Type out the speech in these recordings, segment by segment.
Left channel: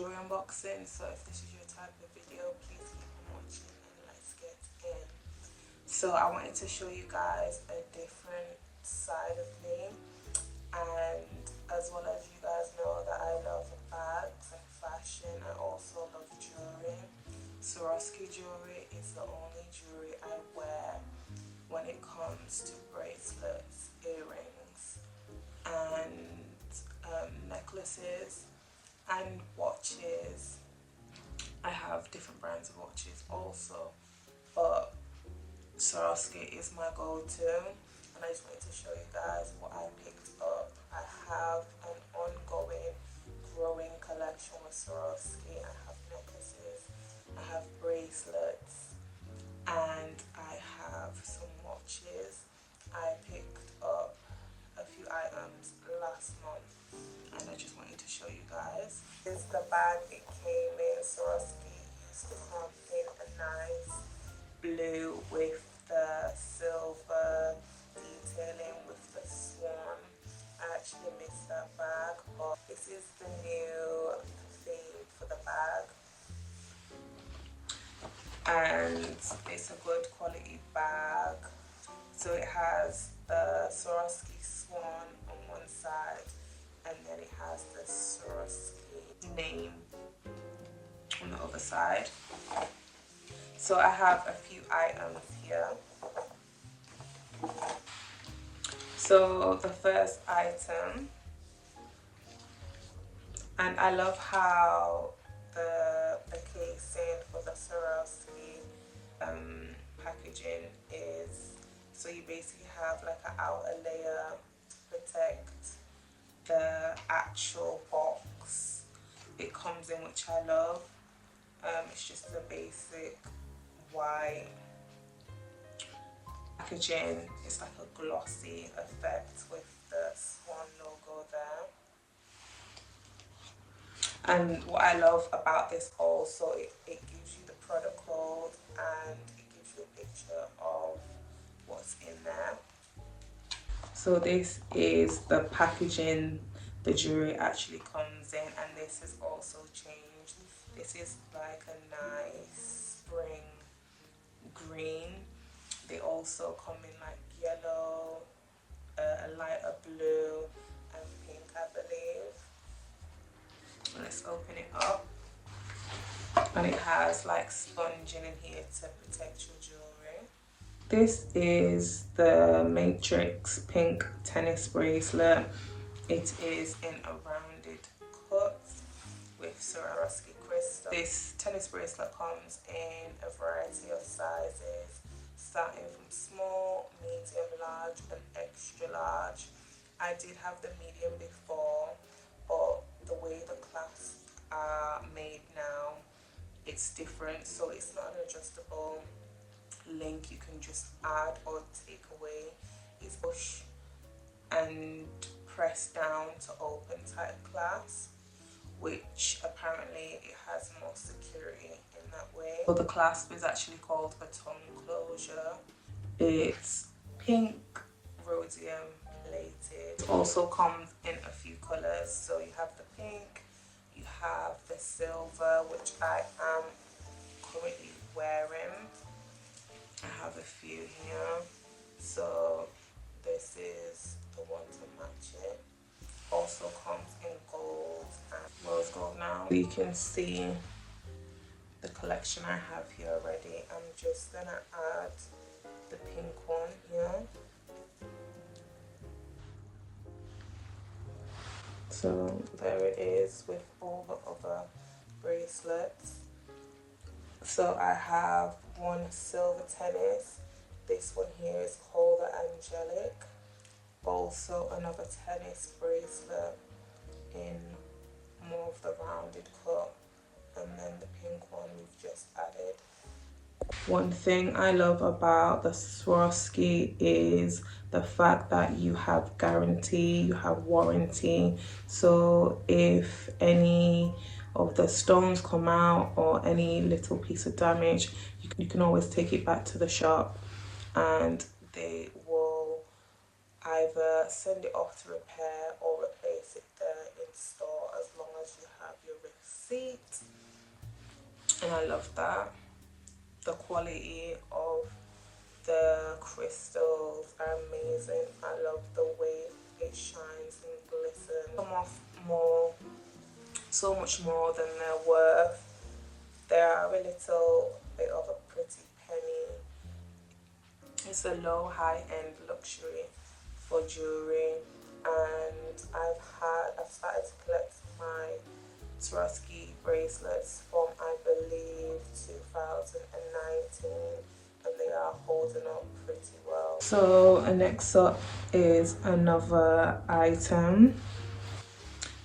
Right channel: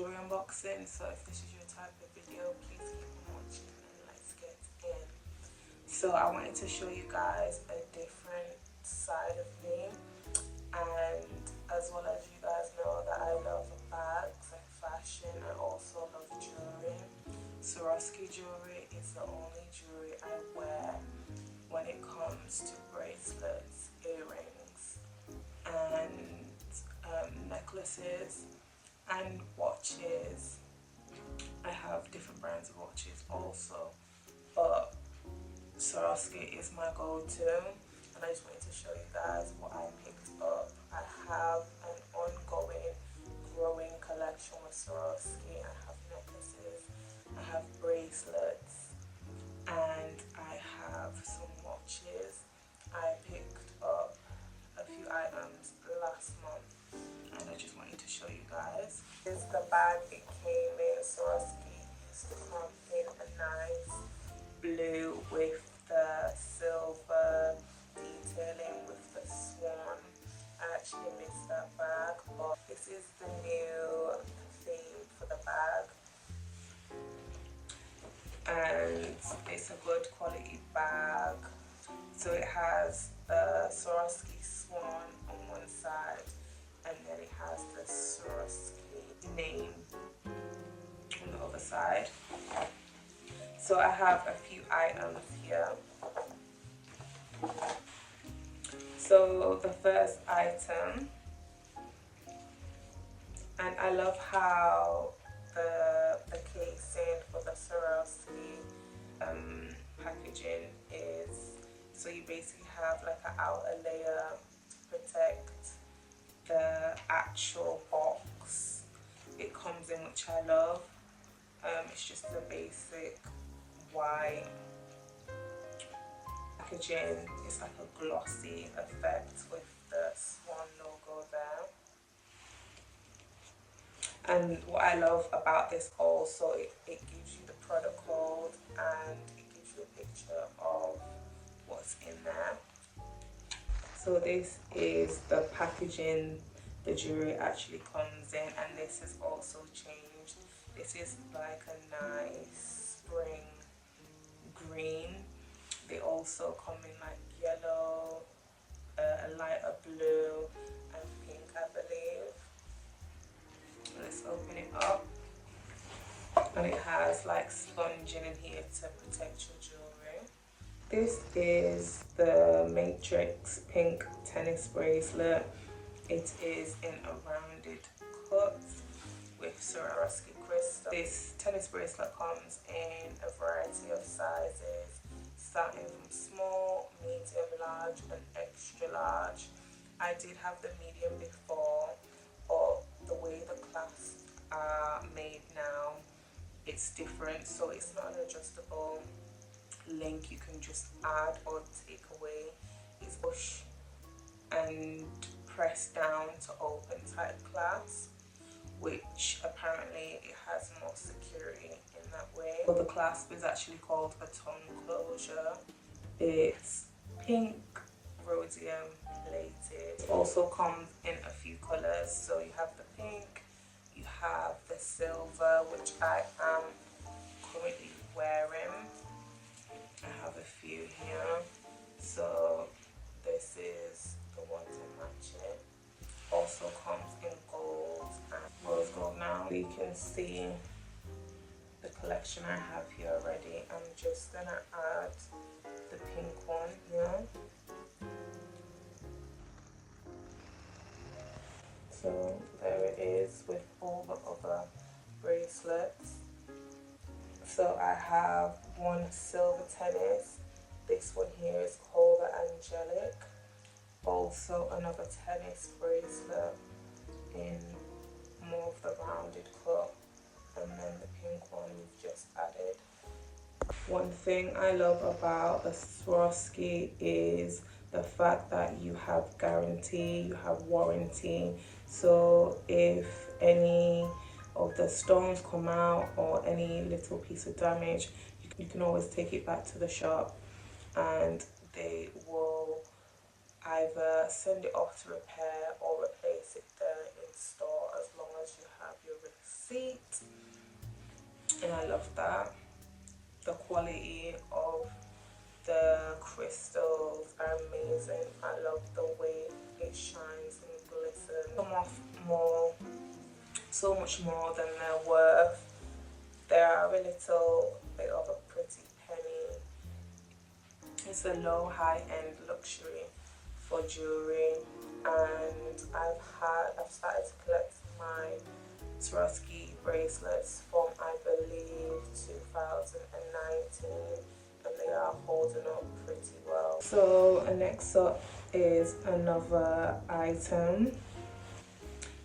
jewelry unboxing. So if this is your type of video, please keep watching and let's get in. So I wanted to show you guys a different side of me, and as well as you guys know that I love bags and fashion, I also love jewelry. Swarovski jewelry is the only jewelry I wear when it comes to bracelets, earrings, and necklaces and watches. I have different brands of watches also, but Swarovski is my go-to, and I just wanted to show you guys what I picked up. I have an ongoing, growing collection with Swarovski. I have necklaces, I have bracelets, and I have some watches. I picked up a few items last month, and I just wanted to show you guys. This is the bag it came in. Swarovski used to come in a nice blue with the silver detailing with the swan. I actually missed that bag, but this is the new theme for the bag, and it's a good quality bag. So it has the Swarovski swan on one side, and then it has the Swarovski name on the other side. So I have a few items here. So the first item, and I love how the casing for the Swarovski packaging is, so you basically have like an outer layer to protect the actual box it comes in, which I love. It's just the basic white packaging. It's like a glossy effect with the swan logo there. And what I love about this also, it gives you the product code and it gives you a picture of what's in there. So this is the packaging the jewelry actually comes in, and this has also changed. This is like a nice spring green. They also come in like yellow, a lighter blue, and pink, I believe. Let's open it up, and it has like sponging in here to protect your jewelry. This is the Matrix pink tennis bracelet. It is in a rounded cut with Swarovski crystal. This tennis bracelet comes in a variety of sizes, starting from small, medium, large, and extra large. I did have the medium before, but the way the clasps are made now, it's different. So it's not an adjustable link you can just add or take away. It's push and press down to open type clasp, which apparently it has more security in that way. So the clasp is actually called a tongue closure. It's pink rhodium plated. It also comes in a few colors. So you have the pink, you have the silver, which I am currently wearing. I have a few here. So this is the one to match it. Also comes in gold and rose gold. Now you can see the collection I have here already. I'm just gonna add the pink one here. So there it is with all the other bracelets. So I have one silver tennis. This one here is called the Angelic. Also another tennis bracelet in more of the rounded cut, and then the pink one we've just added. One thing I love about the Swarovski is the fact that you have guarantee, you have warranty. So if any of the stones come out or any little piece of damage, you can always take it back to the shop and they will either send it off to repair or replace it there in store, as long as you have your receipt. seat, and I love that. The quality of the crystals are amazing. I love the way it shines and glistens. Come off more, so much more than they're worth. They are a little bit of a pretty penny. It's a low high-end luxury for jewelry, and I've started to collect my Swarovski bracelets from, I believe, 2019, and they are holding up pretty well. So next up is another item.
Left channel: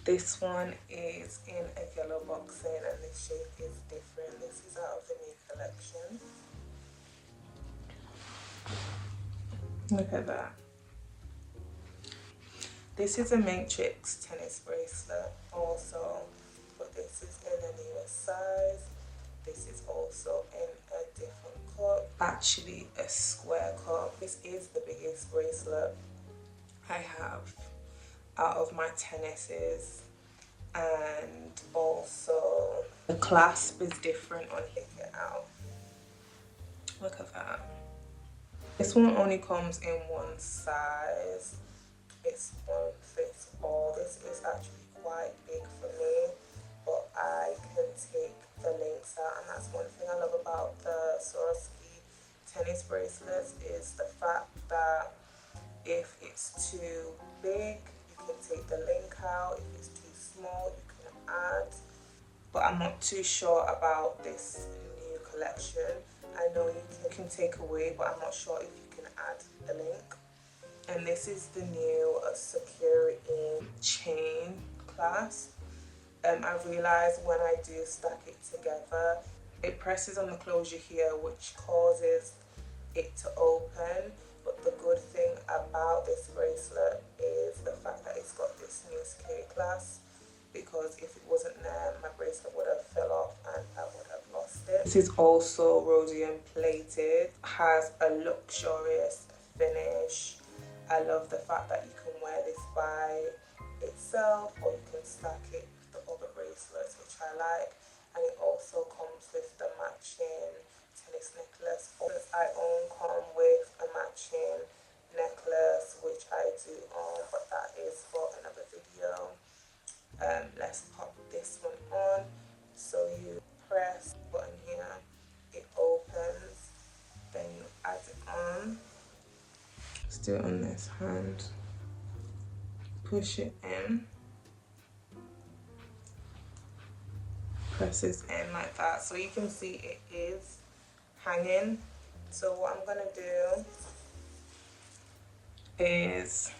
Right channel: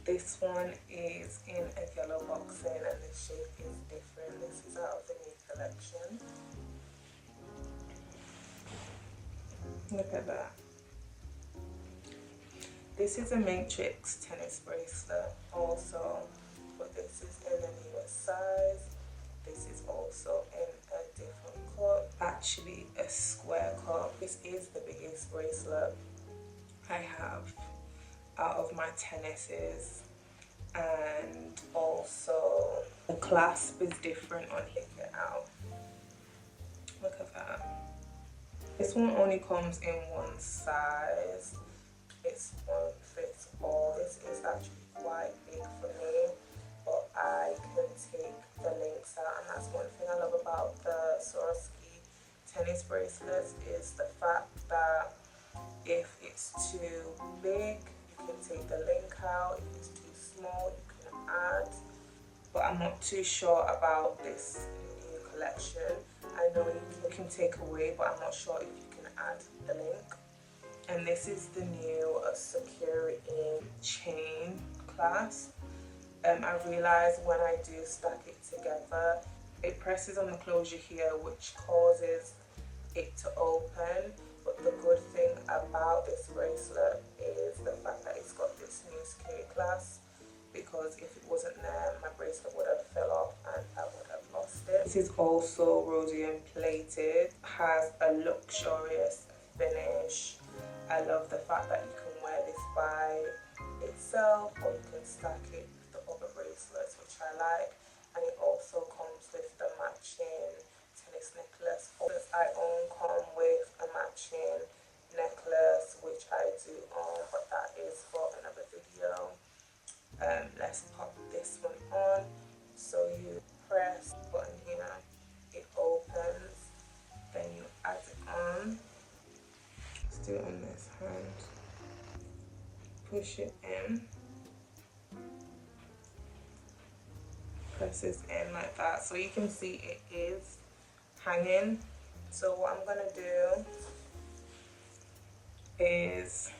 This one is in a yellow boxing, and the shape is different. This is out of the new collection. Look at that. This is a matrix tennis bracelet also, but this is in a newer size. This is also in a different cut, actually a square cut. This is the biggest bracelet I have out of my tennises, and also the clasp is different on it out. Look at that. This one only comes in one size. It's one fits all. This is actually quite big for me, but I can take the links out, and that's one thing I love about the Swarovski tennis bracelets, is the fact that if it's too big, you can take the link out. If it's too small, you can add. But I'm not too sure about this new collection. I know you can take away, but I'm not sure if you can add the link. And this is the new security chain clasp. I realized when I do stack it together, it presses on the closure here, which causes it to open. But the good thing about this bracelet is the fact that it's got this new K clasp, because if it wasn't there, my bracelet would have fell off and I would have lost it. This is also rhodium plated, has a luxurious finish. I love the fact that you can wear this by itself, or you can stack it with the other bracelets, which I like. And it also comes with the matching tennis necklace. I come with a matching necklace, which I do own, but that is for another video. Let's pop this one on. So you press the button here, it opens, then you add it on. Let's do it on this hand. Push it in. Presses in like that. So you can see it is hanging. So what I'm gonna do is,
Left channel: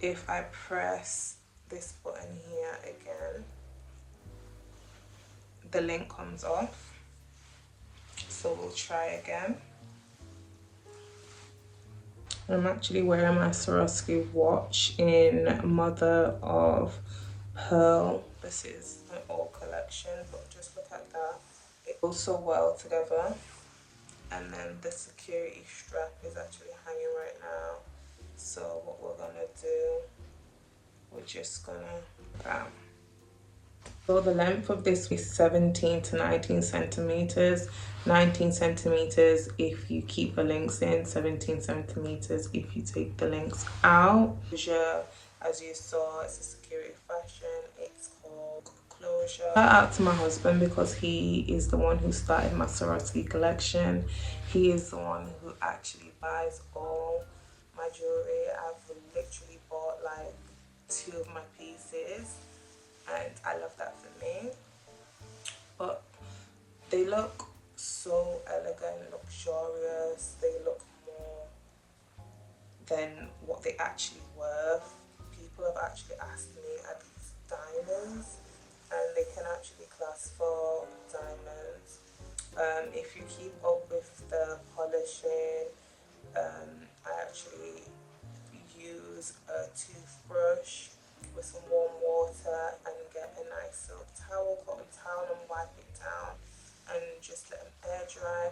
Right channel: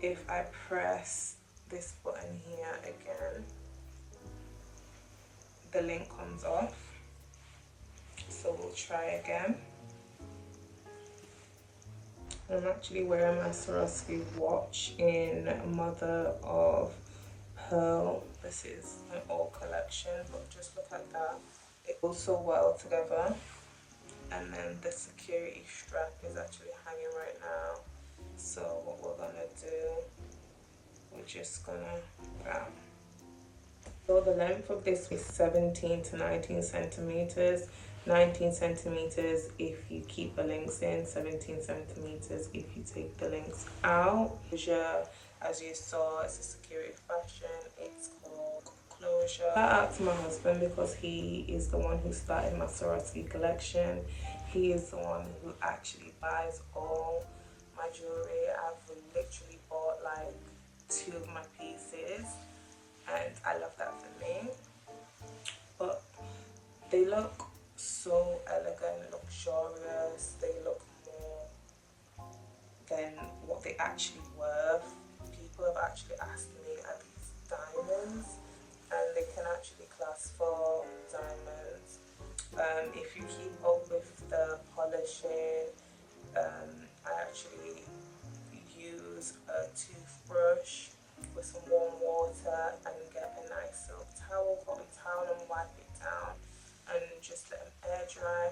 if I press this button here again, the link comes off. So we'll try again. I'm actually wearing my Swarovski watch in mother of pearl. This is an old collection, but just look at that. It goes so well together. And then the security strap is actually hanging right now. So what we're gonna do, we're just gonna so the length of this is 17 to 19 centimeters. 19 centimeters if you keep the links in, 17 centimeters if you take the links out. As you saw, it's a security fashion. It's called Closure. Shout out to my husband, because he is the one who started my Swarovski collection. He is the one who actually buys all my jewelry. I've literally bought like 2 of my pieces, and I love that for me. But they look so elegant, luxurious. They look more than what they actually worth. People have actually asked me, are these diamonds? And they can actually class for diamonds. If you keep up with the polishing, I actually use a toothbrush with some warm water and get a nice silk towel, cotton towel, and wipe it down and just let them air dry.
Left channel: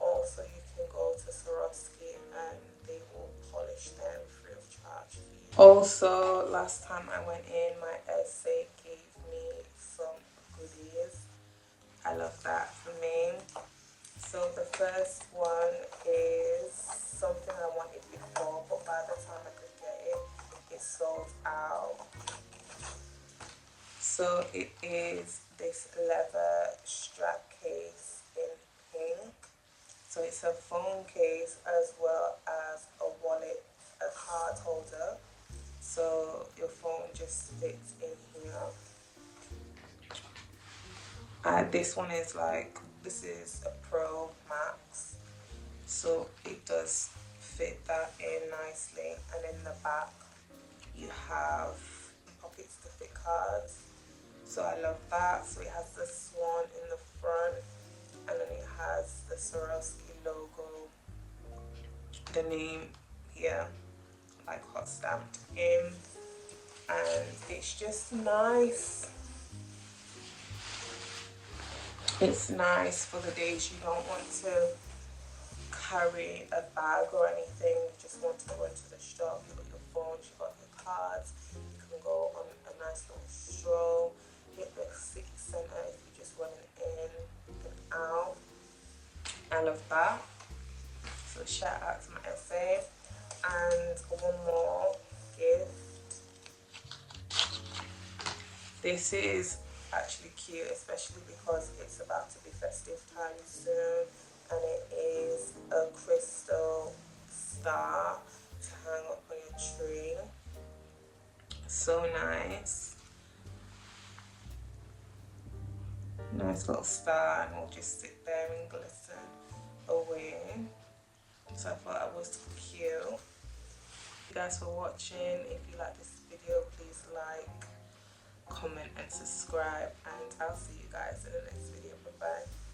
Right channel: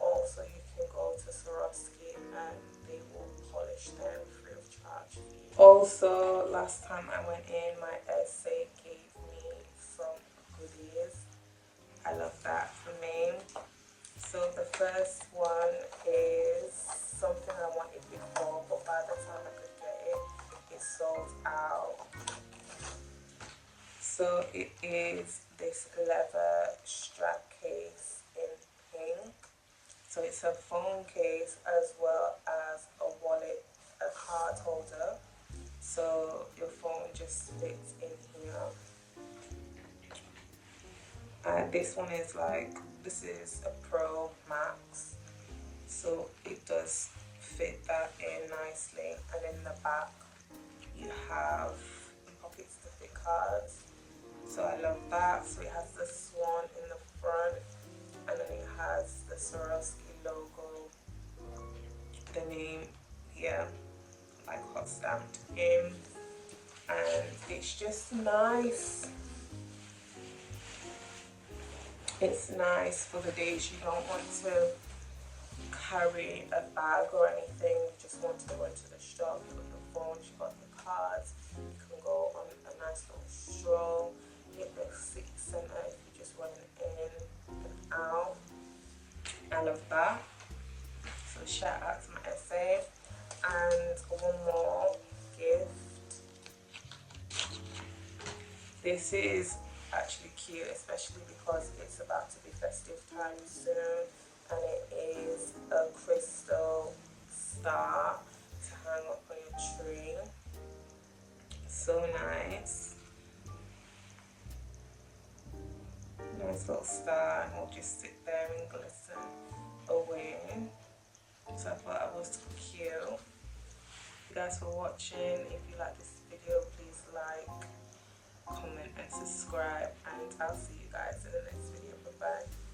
Also, you can go to Swarovski and they will polish them free of charge. Also, last time I went in, my essay gave me some I love that for me. So the first one is something I wanted before, but by the time I could get it, it sold out. So it is this leather strap case in pink. So it's a phone case as well as a wallet, a card holder. So your phone just fits in here. This one is this is a Pro Max. So it does fit that in nicely. And in the back, you have pockets to fit cards. So I love that. So it has the swan in the front, and then it has the Swarovski logo, the name here, like hot stamped in, and it's just nice. It's nice for the days you don't want to carry a bag or anything. You just want to go into the shop, you've got your phone, you've got your cards, you can go on a nice little stroll, get the city centre if you just went in and out. I love that. So shout out to my essay. And one more gift. This is actually cute, especially because it's about to be festive time soon, and it is a crystal star to hang up on your tree. So nice. Nice little star, and it'll just sit there and glisten away. So I thought it was cute. Thank you guys for watching. If you like this video, please like, comment and subscribe, and I'll see you guys in the next video. Bye bye.